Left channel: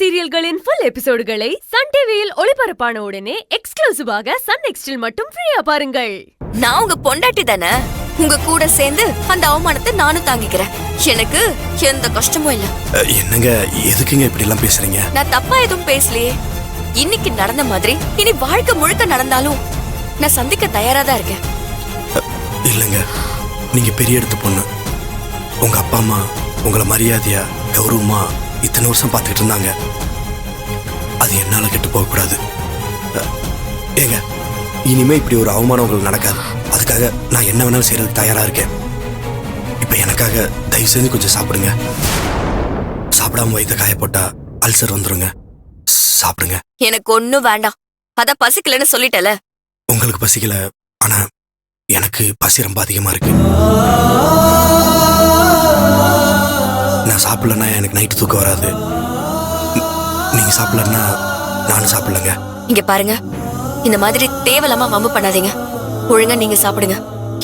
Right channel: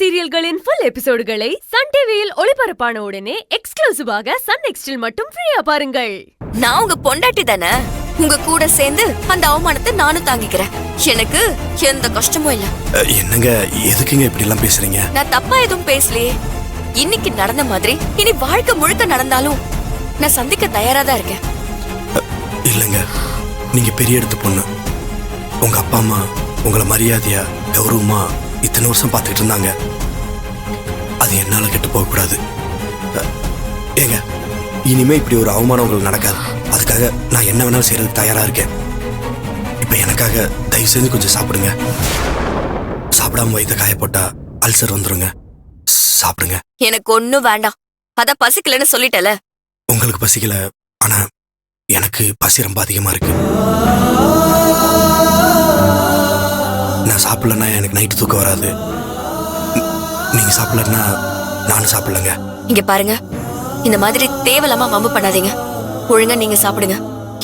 சீரியல்களின் full எபிசோடுகளை Sun டிவியில் ஒளிபரப்பான உடனே எக்ஸ்க்ளூசிவாக சன் நெக்ஸ்டில் மட்டும் ஃப்ரீயா பாருங்கள். நான் உங்க பொண்டாட்டி தானே, உங்க கூட சேர்ந்து அந்த அவமானத்தை நானும் தாங்கிக்கிறேன். எனக்கு எந்த கஷ்டமும் இல்ல. என்னங்க எதுக்குங்க இப்படி எல்லாம் பேசுறீங்க? நான் தப்பா எதுவும் பேசலையே. இன்னைக்கு நடந்த மாதிரி இனி வாழ்க்கை முழுக்க நடந்தாலும் நான் சந்திக்க தயாரா தான் இருக்கேன். இல்லங்க, நீங்க பெரிய இடத்து பொண்ணு. உங்க அப்பா அம்மா உங்களை மரியாதையா கௌரவமா இத்தனை வருஷம் பார்த்துக்கிட்டு இருந்தாங்க. அது என்னால கெட்டு போக கூடாது. ஏங்க, இனிமே இப்படி ஒரு அவமானம் உங்களுக்கு நடக்காது. அதுக்காக நான் என்ன வேணாலும் செய்யறதுக்கு தயாரா இருக்கேன். இப்ப எனக்காக தயவு செஞ்சு கொஞ்சம் சாப்பிடுங்க. சாப்பிடாம வயிற்ற காய போட்டா அல்சர் வந்துருங்க. சாப்பிடுங்க. எனக்கு ஒண்ணும் வேண்டாம். அத பசிக்கலன்னு சொல்லிட்டல. உங்களுக்கு பசிக்கல, ஆனா எனக்கு பசி ரொம்ப அதிகமா இருக்கு. நான் சாப்பிடலன்னா எனக்கு நைட்டு தூக்கம் வராது. நீங்க சாப்பிடலன்னா நானும் சாப்பிடலங்க. இங்க பாருங்க, இந்த மாதிரி தேவையில்லாம வம்பு பண்ணாதீங்க. ஒழுங்கா நீங்க சாப்பிடுங்க.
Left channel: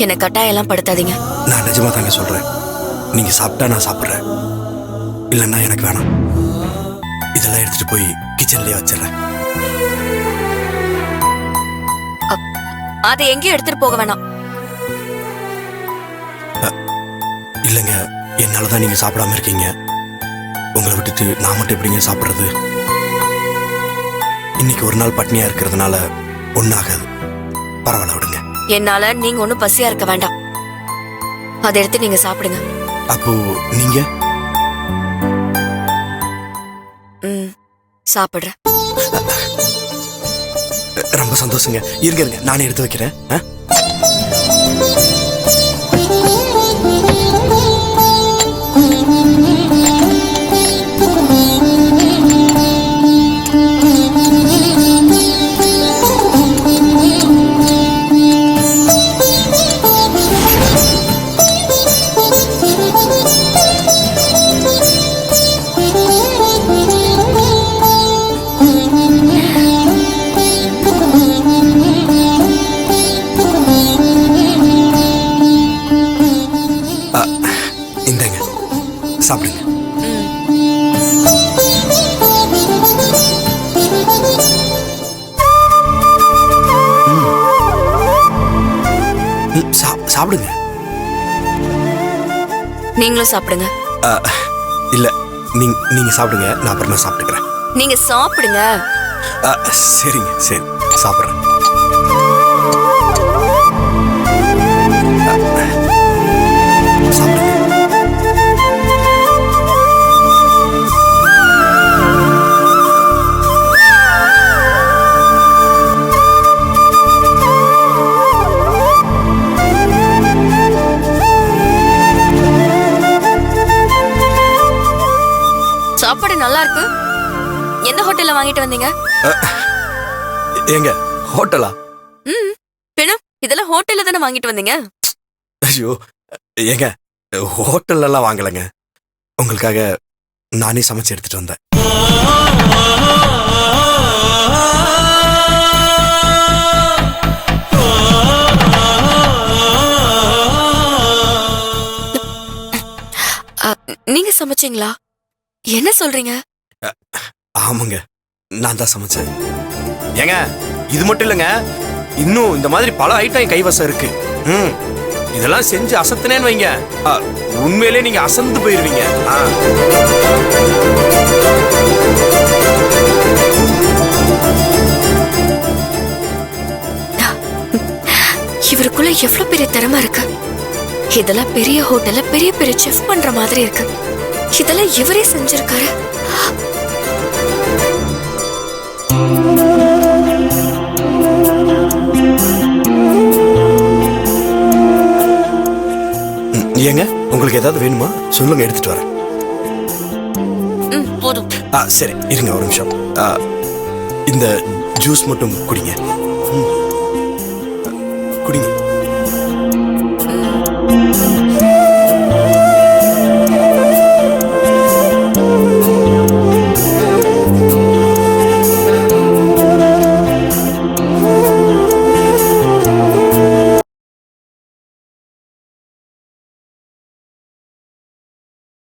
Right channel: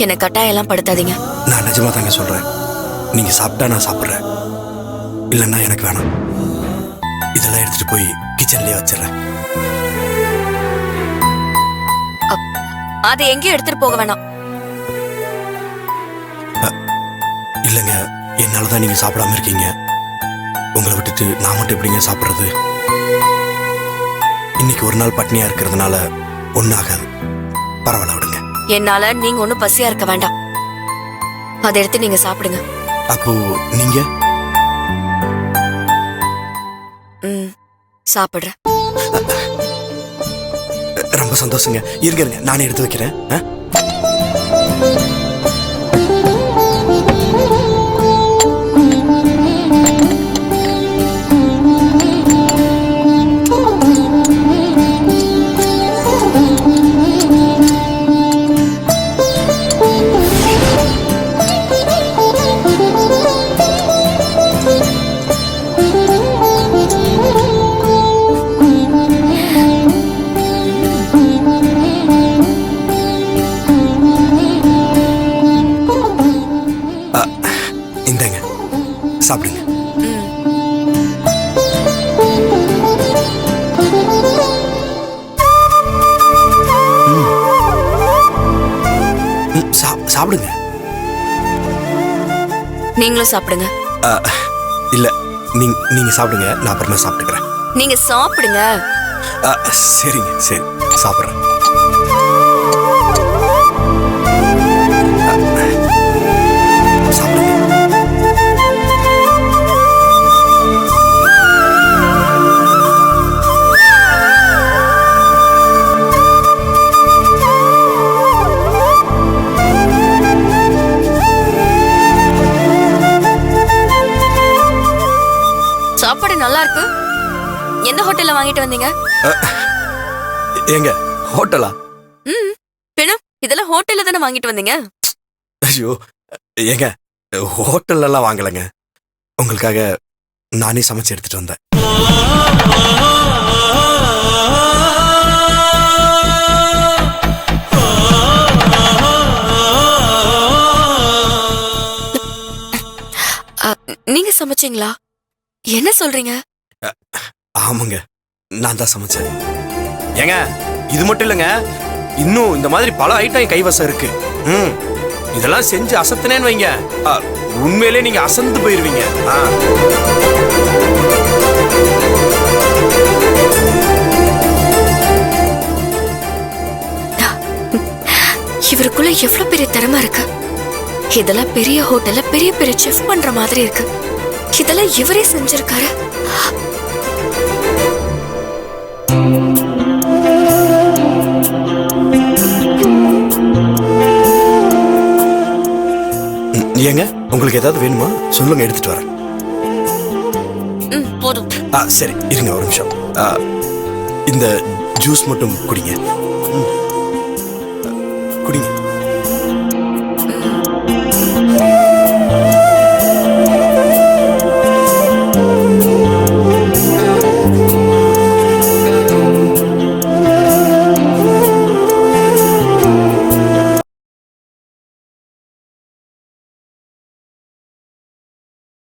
என்ன கட்டாயம் எல்லாம் படுத்தாதீங்க. நான் நிஜமா தாங்க சொல்றேன். நீங்க சாப்பிட்டா நான் சாப்பிடுறேன், இல்லைன்னா எனக்கு வேணாம். இதெல்லாம் எடுத்துட்டு போய் கிச்சன்லயே வச்சிடறேன். அதை எங்கேயும் எடுத்துட்டு போக வேணாம். இல்லைங்க, என்னாலதான் நீங்க சாப்பிடாம இருக்கீங்க. உங்களை விட்டுட்டு நான் மட்டும் எப்படிங்க சாப்பிடுறது? இன்னைக்கு ஒரு நாள் பட்னியா இருக்கிறதுனால ஒன்னும் ஆகாது. பரவாயில்ல, விடுங்க. என்னால நீங்க ஒண்ணும் பசியா இருக்க வேண்டாம். அதை எடுத்து நீங்க சாப்பிடுங்க. அப்போ நீங்க? சாப்பிடுறேன். ரொம்ப சந்தோஷங்க. இருங்க, நானே எடுத்து வைக்கிறேன். இந்தங்க, சாப்பிடுங்க. சாப்பிடுங்க. நீங்களும் சாப்பிடுங்க. இல்ல, நீங்க சாப்பிடுங்க, நான் அப்புறமா சாப்பிட்டுக்கிறேன். நீங்க சாப்பிடுங்க. சரிங்க, சரி, சாப்பிடுறேன். சாப்பாடு நல்லா இருக்கு. எந்த ஹோட்டல்ல வாங்கிட்டு வந்தீங்க? ஏங்க, ஹோட்டலா? பின்ன இதெல்லாம் ஹோட்டல்ல தானே வாங்கிட்டு வந்தீங்க? ஐயோ ஏங்க, ஹோட்டல்ல எல்லாம் வாங்கலங்க. உங்களுக்காக நானே சமைச்சு எடுத்துட்டு வந்தேன். நீங்க சமைச்சீங்களா? என்ன சொல்றீங்க? ஆமாங்க, நான் தான் சமைச்சேன். ஏங்க, இது மட்டும் இல்லைங்க, இன்னும் இந்த மாதிரி பல ஐட்டம் என் கைவசம் இருக்கு. இதெல்லாம் செஞ்சு அசத்துனேன்னு வைங்க, உண்மையிலே நீங்க அசந்து போயிருவீங்க. இவருக்குள்ள எவ்வளவு பெரிய திறமை இருக்கு. இதெல்லாம் பெரிய ஹோட்டல்ல பெரிய பெரிய செஃப் பண்ற மாதிரி இருக்கு. இதெல்லாம் இவரே செஞ்சிருக்காரு. ஏங்க, உங்களுக்கு ஏதாவது வேணுமா சொல்லுங்க, எடுத்துட்டு வரேன். போதும். சரி, இருங்க ஒரு நிமிஷம். இந்த ஜூஸ் மட்டும் குடிங்க. குடிங்க.